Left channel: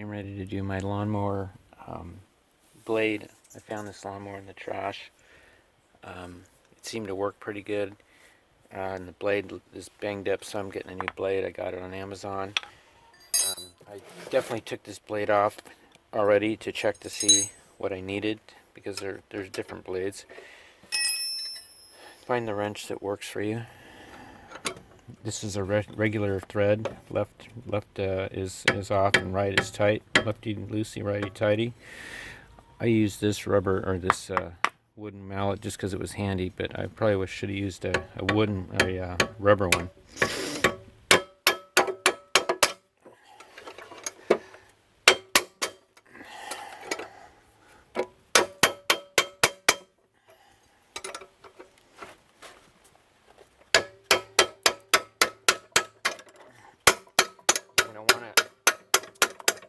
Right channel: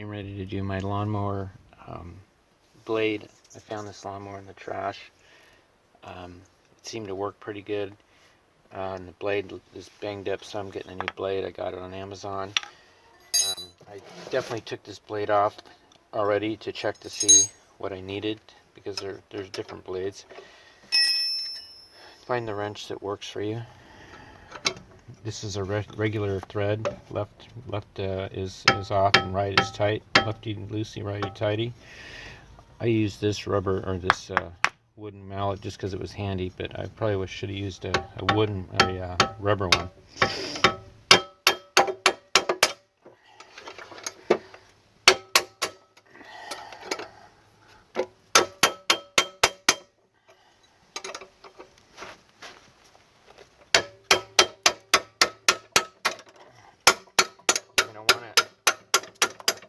I'm ready to do my lawnmower blade. I found this lawnmower in the trash. It seemed to work pretty good. And the blade is banged up, so I'm getting a new blade. I got it on Amazon. I definitely took this blade off already to check to see what I needed, because there's different blades. Find the wrench that works for you. This is a regular thread. Left is off and right is tight. Lefty loosey, righty tighty. I used this rubber or this wooden mallet just because it was handy, but I probably should have used a rubber one.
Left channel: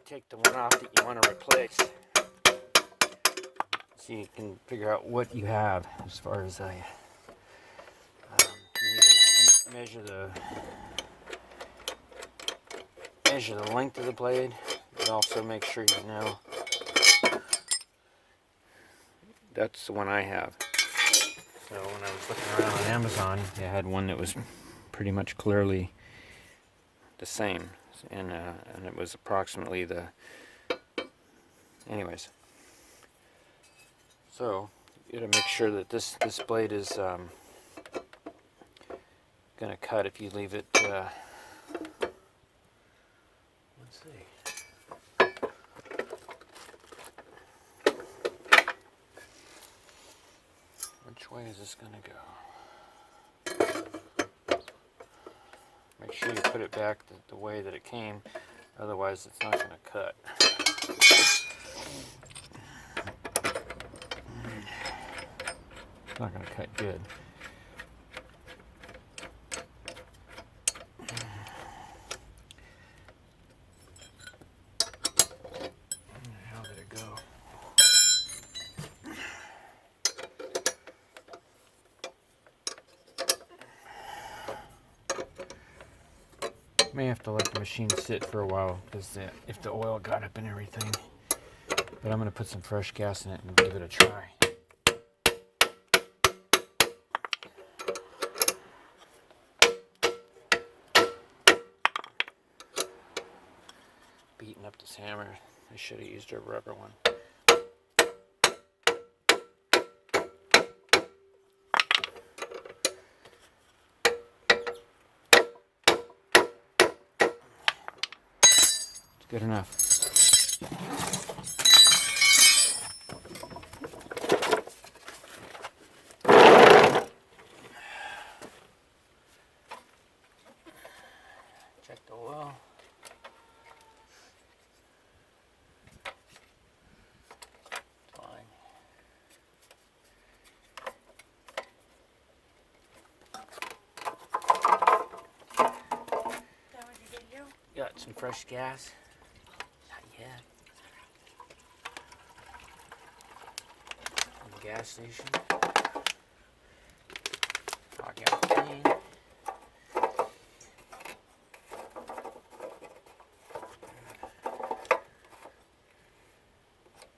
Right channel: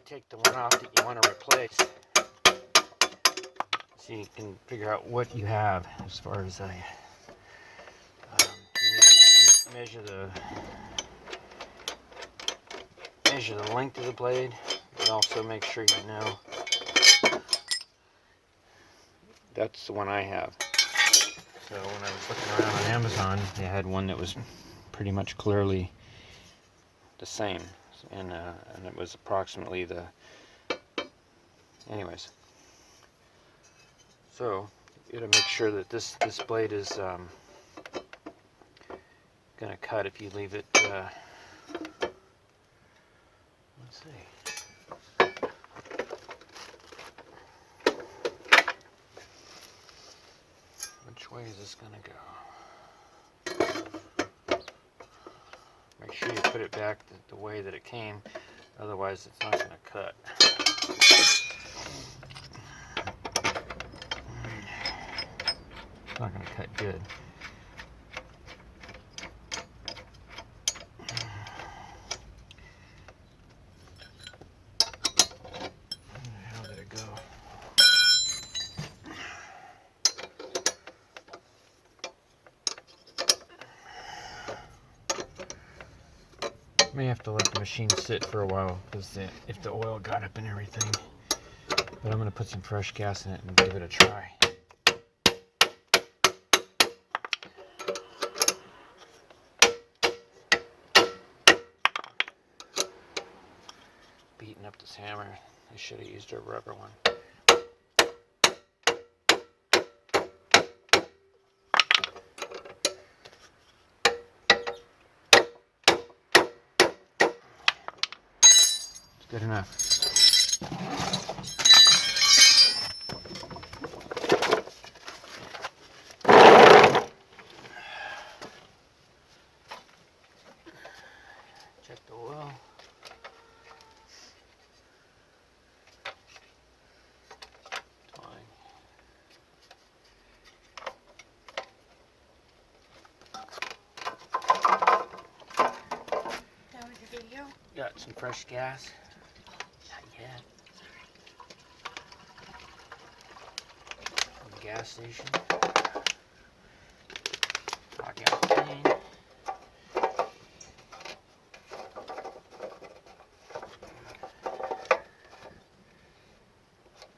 Take the one off that you want to replace, so you can figure out what you have. As far as you need to measure the length of the blade, but also make sure you know that's the one I have. So when I was looking around on Amazon, they had one that was pretty much clearly the same. And it was approximately the... Anyways. So, you gotta make sure that this blade is gonna cut if you leave it... let's see. Which way is this gonna go? Make sure you put it back the way that it came, otherwise it's not going to cut. It's not going to cut good. How did it go? May have to let the machine sit for a while, because if the oil got up and everything. But I'm going to put some fresh gas in it and give it a try. Beating up this hammer. I should have used a rubber one. Good enough. Check the oil. Fine. That was your video? Got some fresh gas. Yeah. From the gas station. Hot gas clean.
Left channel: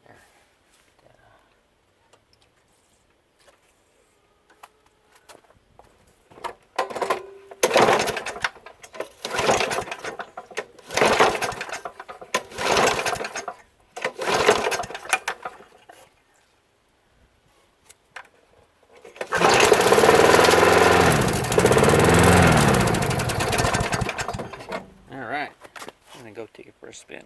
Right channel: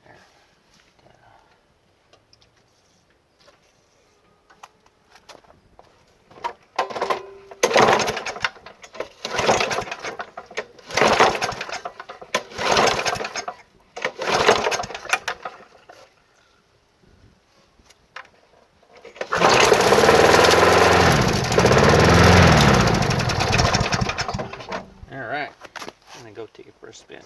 There. Alright, I'm going to go take it for a spin.